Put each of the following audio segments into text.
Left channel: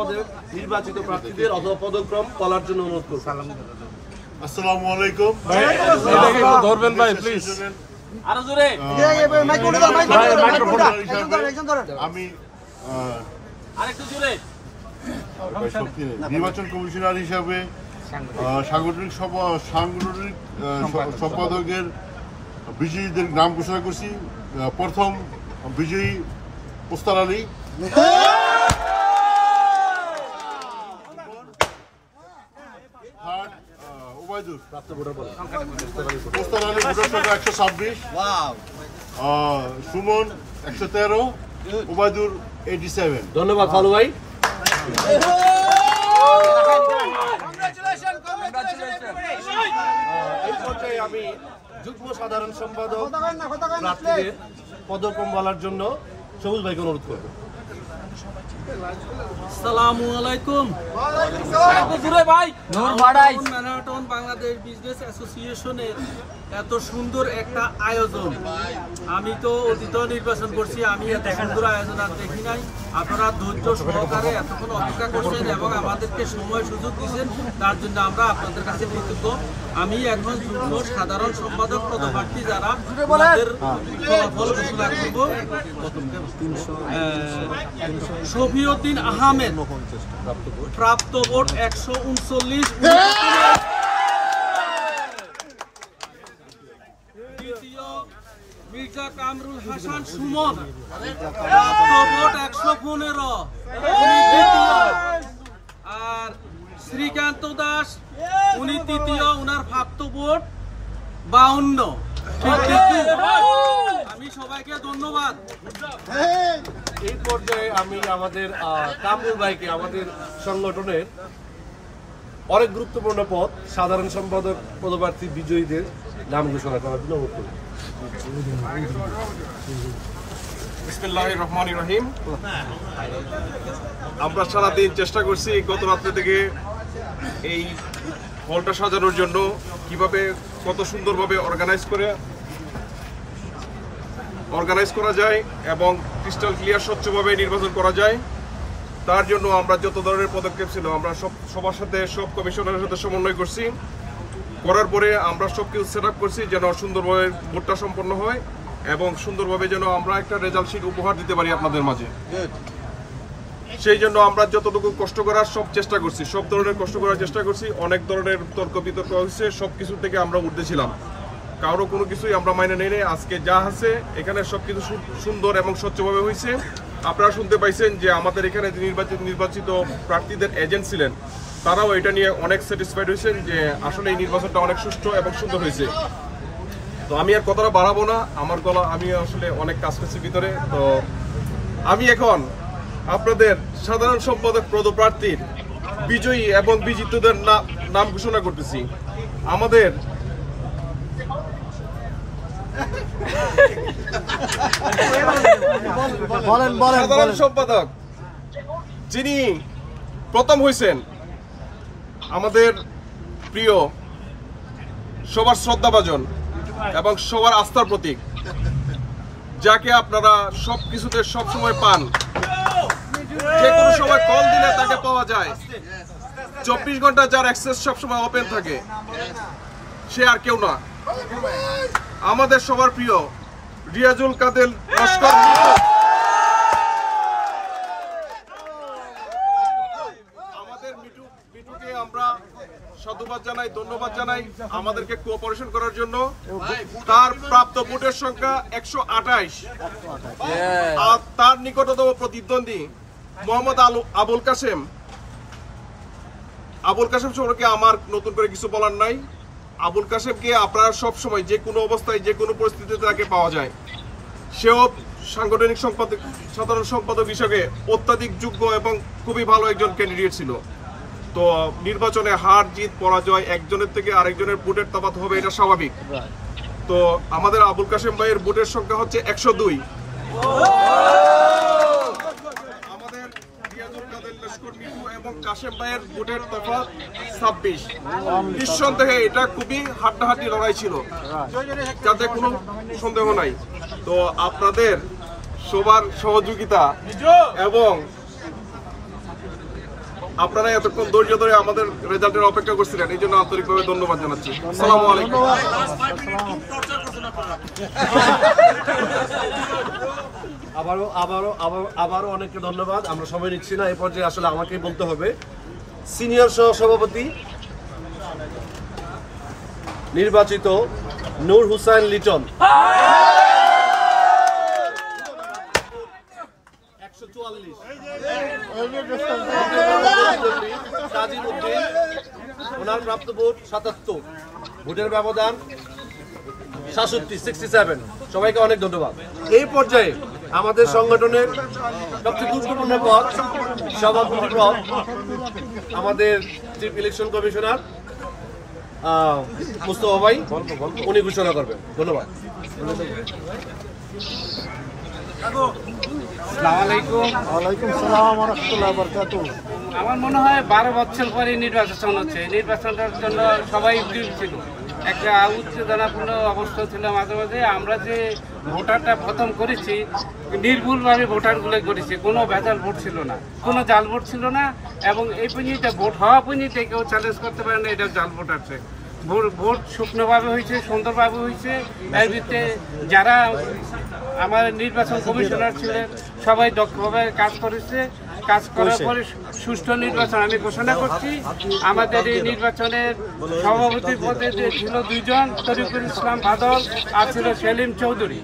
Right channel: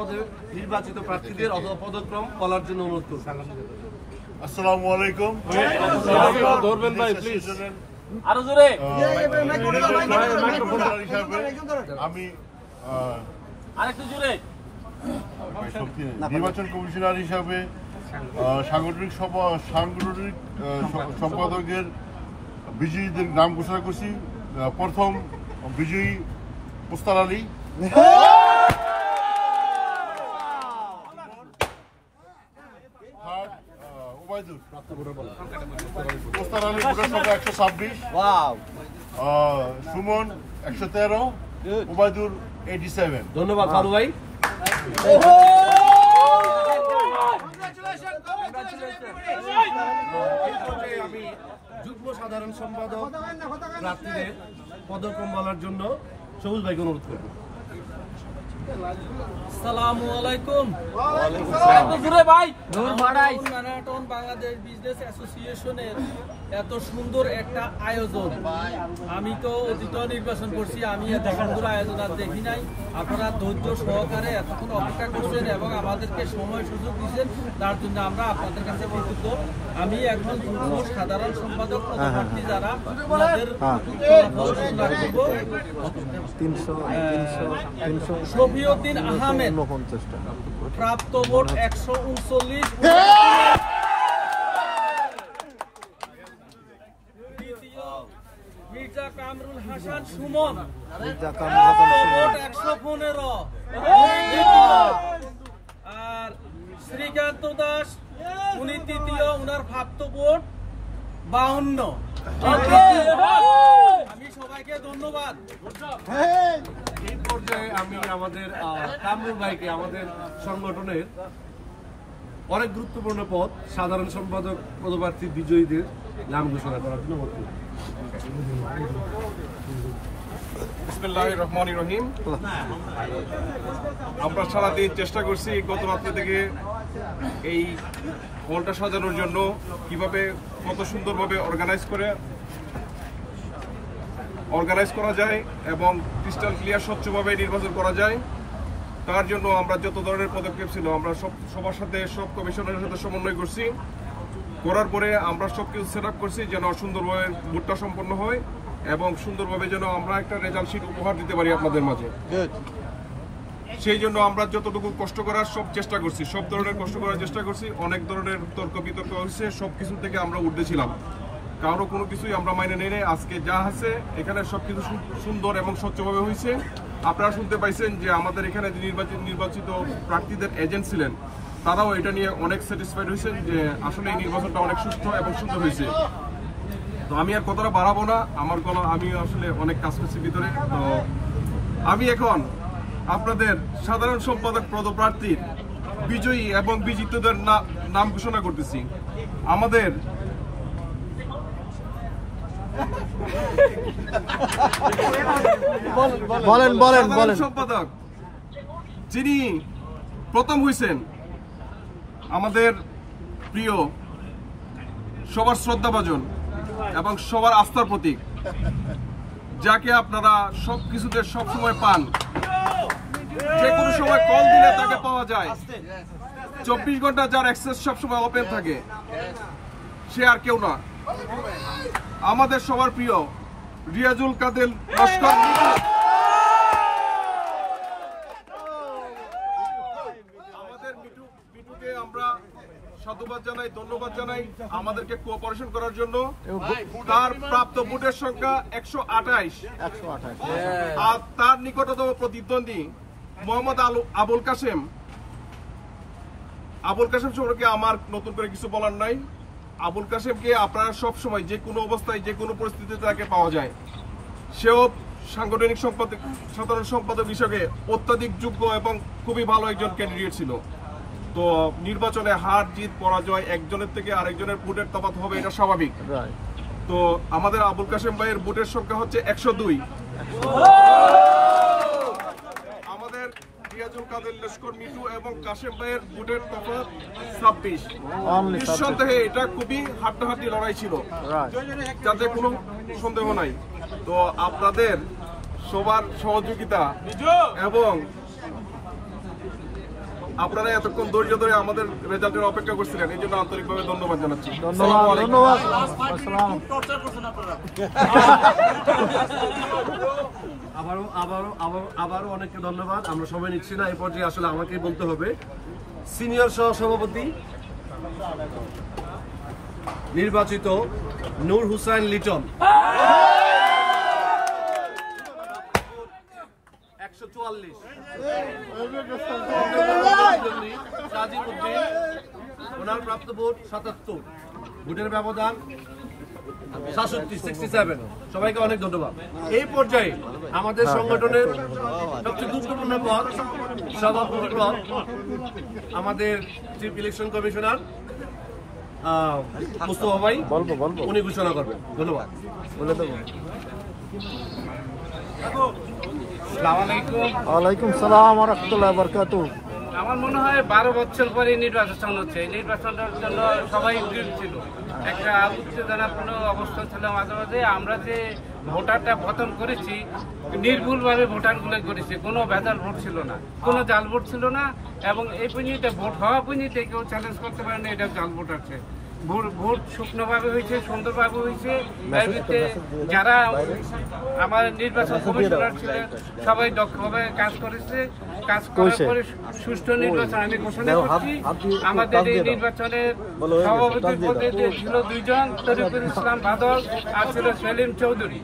পদে নির্বাচিত প্রার্থীদের অথবা পদক্রম বলার জন্য অনুরোধ করব। আসসালামু আলাইকুম। ধরবেন ভাই প্লিজ। আরো জোরে। আমি আরেকটু জোরে। নির্বাচন কমিশনার হিসাবে সাংগঠনিক সম্পাদকের বিজয়ীদের নাম ঘোষণা করছি। প্রথম বিজয়ী উস্তাদ আলী, থার্ড ওবায়দুর, উস্তাদ আলী ভোটার সংখ্যা 126, সুমন 113, ওবায়দুর 87। ধন্যবাদ ফালু ভাই। এই পর্যায়ে আমি যুগ্ম সাধারণ সম্পাদক প্রার্থীদের পদক্রম বলার জন্য সবুজ ভাইকে অনুরোধ করব। আসসালামু আলাইকুম। ম্যারাথন বাংলাদেশ বিজনেস অ্যাসোসিয়েশনের এত সুন্দর একটা আয়োজন, আমি তো অতীত নির্বাচন করছি, আমি এত সুন্দর আয়োজন আর দেখি নাই। আপনারা ধৈর্য সহকারে এতক্ষণ অপেক্ষা করছেন এবং আমাদেরকে সময় সুযোগ দিচ্ছেন, তার জন্য আমরা আপনাদের কাছে কৃতজ্ঞ। আমি এখন যুগ্ম সাধারণ সম্পাদক পদপ্রার্থী যারা আমাদের ফলাফল ঘোষণা করব। শফিউদ্দিন আহমেদ, প্রাপ্ত ভোট 139। দ্বিতীয় মির্জা কামরুল হাসান সুমন, প্রাপ্ত ভোট 115। আর শ্রীকান্ত দাস উনি তৃতীয়, উনার প্রাপ্ত ভোট 52। আমি সবাইকে ধন্যবাদ। এই পর্যায়ে আমি আমাদের কামরুল ভাইকে আমাদের সংগঠনের অনেক গুরুত্বপূর্ণ পদ সাধারণ সম্পাদক পদপ্রার্থী বিজয়ীদের নাম ঘোষণা করার জন্য অনুরোধ করি। বিসমিল্লাহির রহমানির রহিম। আমরা সারাদিন চেষ্টা করছি গত রাত্রে থেকে এই হলটা সাজানোর জন্য, কিভাবে কত সুন্দরভাবে অর্গানাইজ করা যায় এবং ক্রিস্টাল ক্লিয়ার স্বচ্ছভাবে নির্বাচন করা যায়। তার জন্য আমরা যত ধরনের পদক্ষেপ ছিল আমরা সবার সাথে, সব কমিশনারের সাথে সমন্বয় করছি। করার পরে আমরা সব কিছু সেট আপ করছি যেন সুন্দরভাবে ভোটটা সম্পন্ন হয় এবং সুন্দরভাবে যেন আমরা একটা রেজাল্ট শিট উপহার দিতে পারি আপনাদের মাঝে। সেই জন্য আমরা যতটুকু কষ্ট করার সব চেষ্টা করছি, সব ধরনের কষ্ট করার চেষ্টা করছি। অনেক ধরনের তর্ক বিতর্ক হয়েছে, সব কিছু থেকে আমরা উঠতেছিলাম, কারো কোনো কিছুই আমরা মাইনে নেই। আজকে যা আছে এখানে সব কিছু সুন্দর এবং স্বচ্ছভাবে হয়েছে। আপনারা শুনতে পাইছেন যে আমাদের এখানে নির্বাচিত প্রার্থীদের এজেন্ট ছিলেন, তারাও এটা নিয়ে অনেক স্যাটিসফাইড হয়েছেন যে আসলে এই নির্বাচনটা অনেক সুষ্ঠু এবং সুন্দর হয়েছে। তো আমি আর কথাটা বাড়াবো না, আমি আসলে অনেক কাজ করছি ভিতরে। তো আমি এখন আপনাদের সাধারণ সম্পাদক পদপ্রার্থীর বিজয়ী এবং বিজিতদের নাম ঘোষণা করতেছি। আমাদের সাধারণ সম্পাদক যিনি প্রথম হয়েছেন, আমাদের প্রিয়, সবার শ্রদ্ধাভাজন এবং সবার আস্থার প্রতীক, যাকে আপনারা সবকিছুতে সবসময় পান, যে কোনো সময় কল দিলে তাকে পাওয়া যায়, 24 ঘন্টা যার অ্যাক্সেস সবসময় ওপেন থাকে, সে আর কেউ না, আমাদের সবার প্রিয় রিয়াজুল কাদের লস্কর। আমাদের মিঠুকে আমরা সাধুবাদ জানাই, ধন্যবাদ জানাই আমাদেরকে কোঅপারেশন করার জন্য। তার প্রাপ্ত ভোটের সংখ্যা 128। আর তার নিকটতম প্রতিদ্বন্দ্বী মোহাম্মদ আবুল কাসেম সম্পর্কে আমার নতুন করে কিছু বলার নাই। আবুল কাসেমকে আপনারা সবসময় যে কোনো অবস্থায়, যে কোনো পরিস্থিতিতে তাকে পাওয়া যায়। সেও সাংগঠনিক সাধারণ সম্পাদক হিসেবে অত্যাধিক যোগ্য এবং খুবই ভালো একজন ক্যান্ডিডেট ছিল। তো নির্বাচনে হার জিত পরাজয় একজনের থেকে আরেকজনের ভোটের তফাৎ হবে, এটা স্বাভাবিক। তো আমাদের আবুল কাসেম ভাইয়ের ভোটের সংখ্যা হচ্ছে 102। আমাদের রিয়াজুল কাদের লস্কর মিঠু এবং কাসেম ভাইয়ের ভোটের তফাৎ 26। নিঃসন্দেহে এটা খুবই হাড্ডাহাড্ডি লড়াই ছিল, যাতে কোনো সন্দেহ নাই। তো আপনাদের সবার সহযোগিতা এবং আপনারা এতক্ষণ ধৈর্য ধরে আমাদের রেজাল্টের অপেক্ষা করছিলেন, এই জন্য আন্তরিকভাবে ধন্যবাদ জানাচ্ছি। আসসালামু আলাইকুম। আবারও অনেককে ধন্যবাদ। আমরা সময় নিচ্ছি না, এই পর্যায়ে আসলে আমাকেই বলতে হবে। সিনিয়র সহ সভাপতি নির্বাচিত নূর হুসাইন লিটন 144, সাজিদ উদ্দিন ওনার প্রাপ্ত ভোট 77, ভোটের ব্যবধান 67। সবাইকে অনেক ধন্যবাদ। এই পর্যায়ে আমাদের সংগঠনের সবচেয়ে গুরুত্বপূর্ণ পদ, সভাপতি পদ, আমাদের চিফ ইলেকশন কমিশনার মুস্তফা ভাই উনি ঘোষণা করবেন। ধন্যবাদ। আমার মনে হয় 12 বছর পরে নির্বাচন হচ্ছে। নির্বাচনের জন্য সবাই উদ্গ্রীব ছিল, একটা উত্তেজনাপূর্ণ অবস্থা ছিল মাঝে মাঝে। আমরা যে ভোটারটা প্রথম করেছি, নির্ভুলভাবে ভোটারগুলো করেছি, কোনো ভেজাল ভোট ছিল না, কোনো জাল ভোট ছিল না। এবং এই পর্যন্ত ভোট হওয়া পর্যন্ত কেউ চ্যালেঞ্জ করতে পারে না এটা জাল ভোট আছে। ভোট শুকনোভাবে হয়েছে, সুন্দরভাবে হয়েছে। এর ভিত্তিতে যারা আমার নির্বাচন কমিশনার ছিলেন সবাই দক্ষভাবে কাজ করেছে। কাজ করার পরে সুষ্ঠু নির্বাচন আমি ঘোষণা করছি। আমাদের এই নির্বাচনের সভাপতির পদে ছিল 2 জন, তরিকুল ইসলাম বাদল আর ছিল সেলিম চৌধুরী।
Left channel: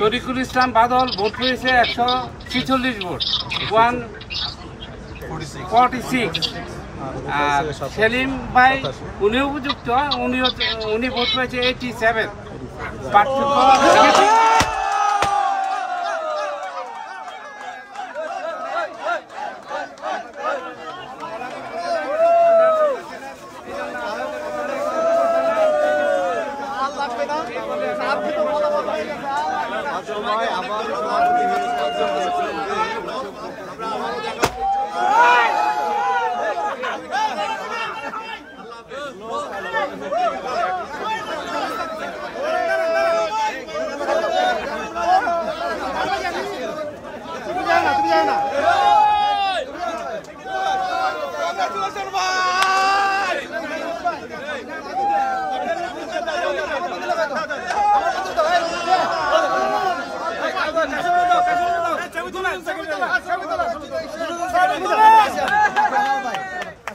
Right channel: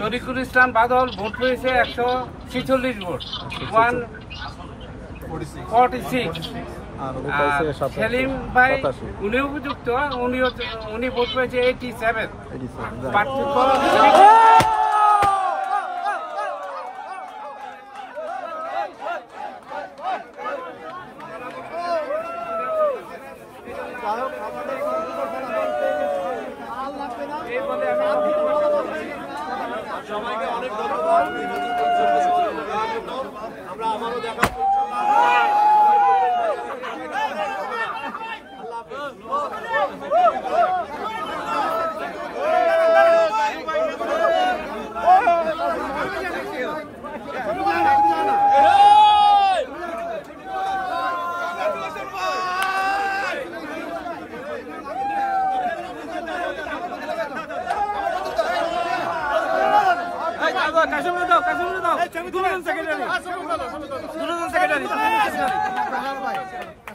তরিকুল ইসলাম বাদল ভোট পেয়েছে 146 ভোট, 146। আর সেলিম ভাই উনিও উপযুক্ত, উনি ভোট পেয়েছে 87। পার্থক্য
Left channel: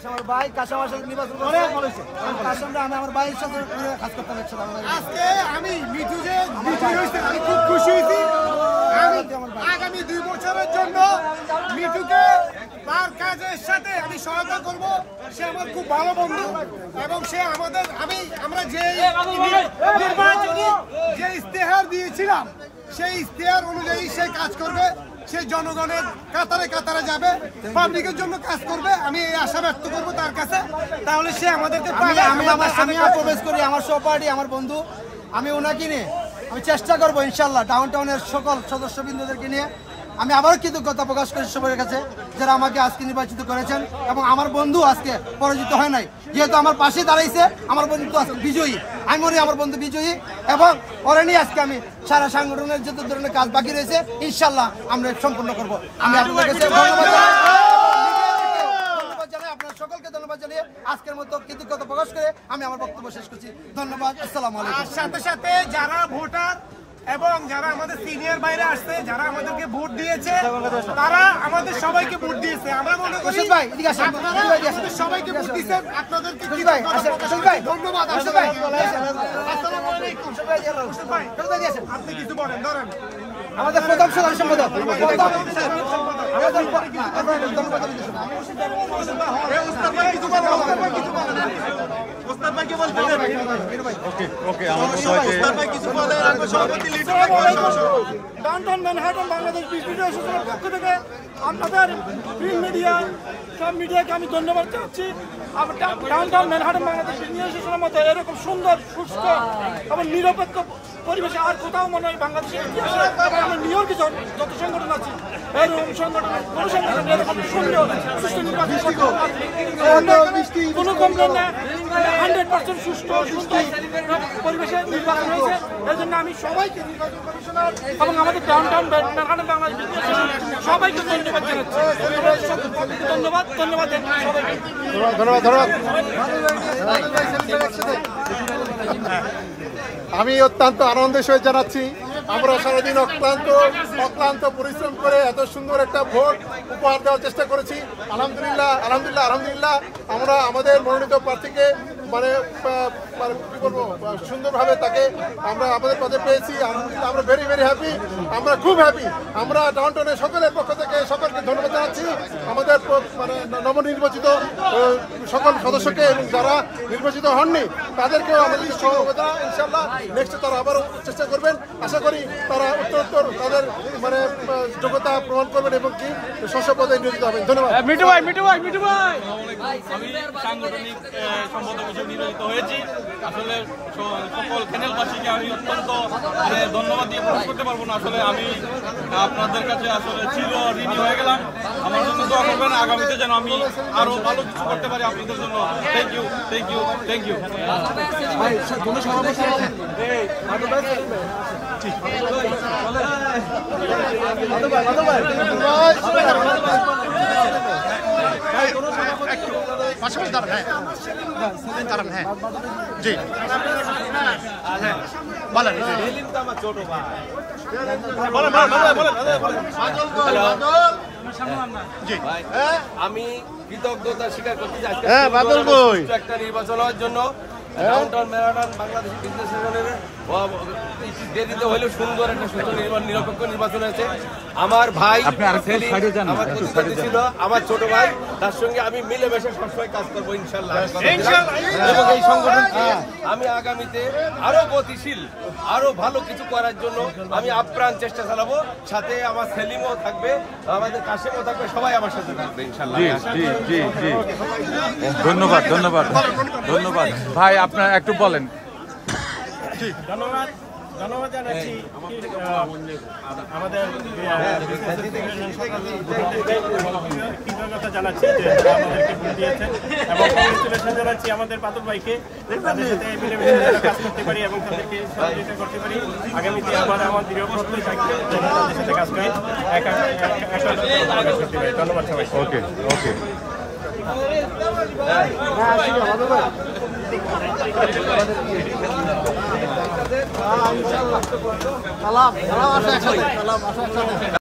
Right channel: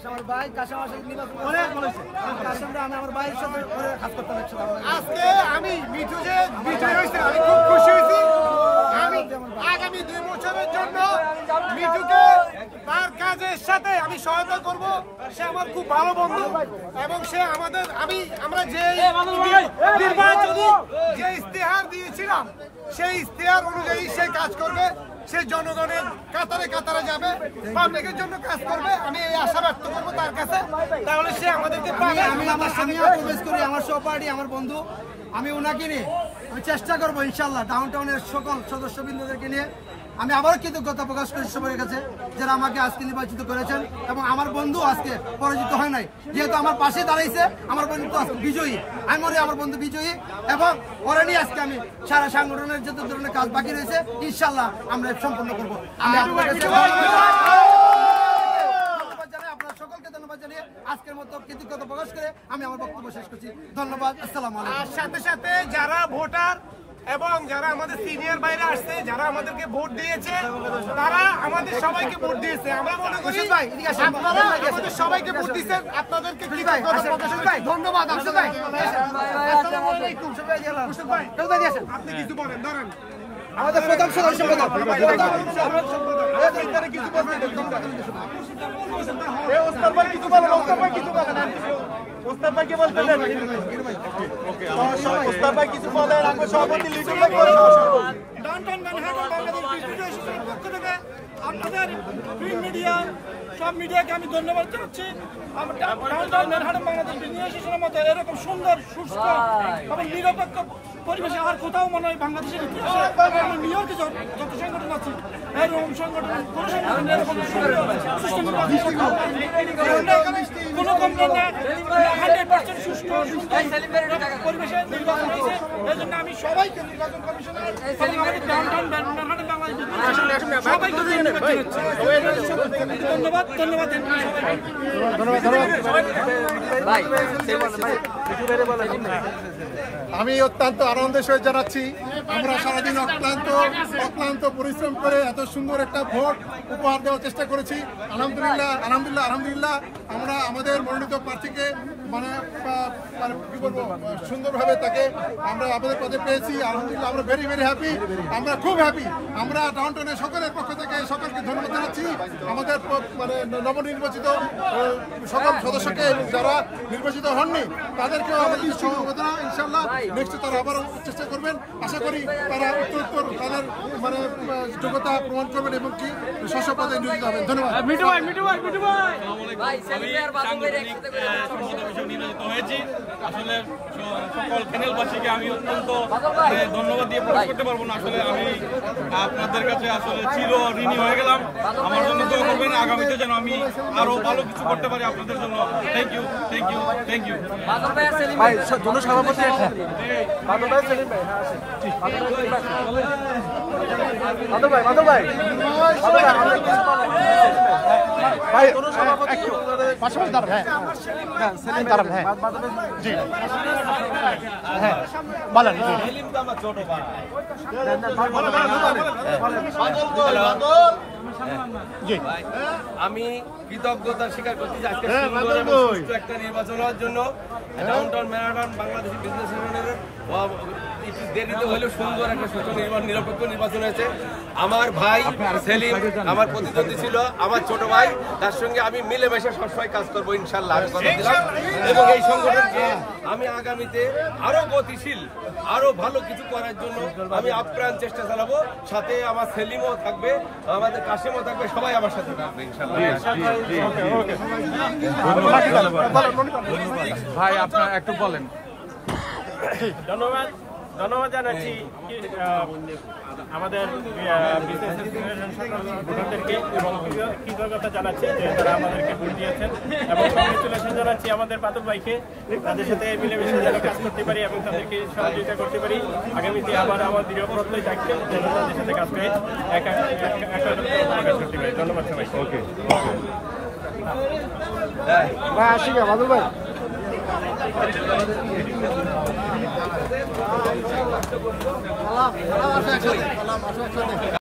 আমার ভাই কাশামার সাথে নির্বাচন আমি আমার ভাইয়ের সাথে কাজ করতে পারছি। আজকে আমি মিঠু যে বিজয়ী হয়েছে আমি খুব খুশি হয়েছি। আমি আগামী 2 বছরের জন্য মিঠুকে তার কাজের সাথে আমি সহায়তা করব। সে আমার খুব ভালো বন্ধু এবং সে আমরা যে নির্বাচনী যে ইশতেহার দিয়েছিলাম সেই ইশতেহার অনুযায়ী সে কাজ করবে। সে জনগণের কাতারে যাবে, পাবলিকের জন্য কাজ করবে। আমি এই আশা ব্যক্ত করবো তার কাছে, তাহলে সে আমাদেরকে পাবে। আমি প্রবেশ করি আমার সহপাঠী, আমার বন্ধু, আমি ওনাকে নিয়ে আমি চেষ্টা করবো ইনশাল্লাহ ডাউন টাউনের সকল সদস্যবৃন্দদেরকে নিয়ে আমি আবারও কৃতজ্ঞতা প্রকাশ করি সবার কাছে যারা আমাকে আজকে নির্বাচিত করেছেন। এবং আমার বন্ধু আজকে পরাজিত হয় নাই, যেহেতু আমার পাশে দাঁড়াইছে। আমার বন্ধু আজকে বিজয়ী, আমি মনে আমার বন্ধু বিজয়ী। এবং ওরা নিয়ে আজকে আমি সারা সংগঠনের যত ধরনের কাজ বাকি রয়েছে ইনশাল্লাহ আমরা সম্পন্ন করবো। আমি আপনার কাছে আপনার সকলকে ধন্যবাদ জানিয়ে আজকের মতো কৃতজ্ঞতা প্রকাশ করে আমি আমার বক্তব্য শেষ করছি। ধন্যবাদ। আসসালামু আলাইকুম। সাথে সাথে যারা ভোটার এবং যারা আমাদের সিনিয়র বাইরে আসছে, যারা আমাদেরকে ভোট দিয়েছে, তারা আমাদের সবাইকে ভোট দিয়েছে। আমরা মনে করি আপনারা আমাদের সবাইকে ভোট দিয়েছেন, আপনাদেরকে ধন্যবাদ। আপনি কিছু বলেন, ধরেন আমাদের প্রথম সদস্য ডাউনটাউন ম্যানহাটন বাংলাদেশ বিজনেস অ্যাসোসিয়েশনের পক্ষ থেকে আপনাদের প্রিন্ট মিডিয়া সব মিডিয়াকে আমি ধন্যবাদ জানাচ্ছি। ডাউনটাউন ম্যানহাটন বাংলাদেশ বিজনেস অ্যাসোসিয়েশনের মতো এরকম সুন্দর সুস্থ এবং নিরপেক্ষ পরিবেশে আর কোথাও মনে হয় বাংলাদেশের ইতিহাসে আমার নিয়ন্ত্রিত যত সংগঠন আছে এরকম সংগঠন কোনো সংগঠন এরকম সুন্দর কোনো কমপ্লেন না 100% সুস্থ পরিবেশে নির্বাচন হয়েছে। এর জন্য আমি সবাইকে নির্বাচন কমিশনার এবং আমাদের ডাউনটাউন বাংলাদেশ সবাইকে ধন্যবাদ জানাচ্ছি। ধন্যবাদ ধন্যবাদ আমি অত্যন্ত আনন্দের সহিত জানাচ্ছি আমরা সারাদিন অক্লান্ত পরিশ্রম করে এত সুন্দর একটা ভোট উপহার দেওয়ার চেষ্টা করেছি। আলহামদুলিল্লাহ আমরা আমাদের মনোনীত প্রার্থীকে মানে কি বলবো সুন্দরভাবে তাকে আমরা আমাদের পদে পেয়েছি। আলহামদুলিল্লাহ আমরা ভেরি হ্যাপি, আমরা খুব হ্যাপি। আমরা ডাউনটাউনের সকলের পক্ষ থেকে সকলকে ধন্যবাদ জানাচ্ছি, আমাদের মানে নবনির্বাচিত সকল সদস্যকে এবং যারা নির্বাচিত হননি তাদেরকেও আমাদের সমবেদনা। ইনশাআল্লাহ নেক্সট তারা আবারও চেষ্টা করবেন, আশা করি তারা উত্তর তাদের মানে যোগ্যতা প্রমাণ করবেন এবং কি শস্য পদে নিয়োজিত হবেন। ধন্যবাদ। আমি সাংগঠনিক সম্পাদক নির্বাচিত হয়েছি। আসলে সকল চ্যানেলবাসীকে আমি অত্যন্ত ধন্যবাদ দিয়ে প্রকাশ করতে পারবো না। আসলে আমি আপনাদের কাছে আসলে চির ঋণী হয়ে গেলাম। আমার জন্য দোয়া করবেন, আগামীতে যেন আমি আরো ভালো কিছু করতে পারি আপনাদের জন্য। Thank you. পাশাপাশি দাঁড়ান হ্যাঁ জি বলেন। আমি কৃতজ্ঞতা স্বীকার করতে চাই একটা নির্বাচন হওয়ার জন্য ডাউনটাউন ম্যারাথন বাংলাদেশ বিজনেস ইউনিয়নের দেরিতে হলেও সুন্দর একটা সুষ্ঠু নিরপেক্ষ নির্বাচন হয়েছে। আমার ভাই সেলিম আমার প্রতিদ্বন্দ্বী ছিল, আমার ছোট ভাই, তার সঙ্গে আমি মিলেমিশে সবসময় কাজ করবো ইনশাল্লাহ আমি কথা দিলাম। এবং এই সংগঠনকে আমি আগামীতে আরো গতিশীল আরো ভালো কিছু করার জন্য আমি আপ্রাণ চেষ্টা চালাবো। সাথে আমার সেলিমও থাকবে, আমাদের কাশেমও থাকবে, সবাই আমার সাথে থাকবে ইনশাল্লাহ। ধন্যবাদ ভাই, আপনারা একটু বলেন। ধন্যবাদ জানাচ্ছি আমাদের সকল ভোটারদেরকে এবং কৃতজ্ঞতা জানাচ্ছি যে তারা আমাদেরকে ভোট দিয়েছেন এবং কংগ্রেচুলেশন জানাচ্ছি আমাদের পাতুল ভাইকে। তাদের সাথে মিলেমিশে যেন কাজ করতে পারি এবং তাদেরকে সহযোগিতা করতে পারি। আগামীতে আবার আমার দৃঢ় প্রত্যয় থাকবে যেন তাদের সাথে কাজ করে কাজ করতে পারি। ধন্যবাদ সবাইকে। ওকে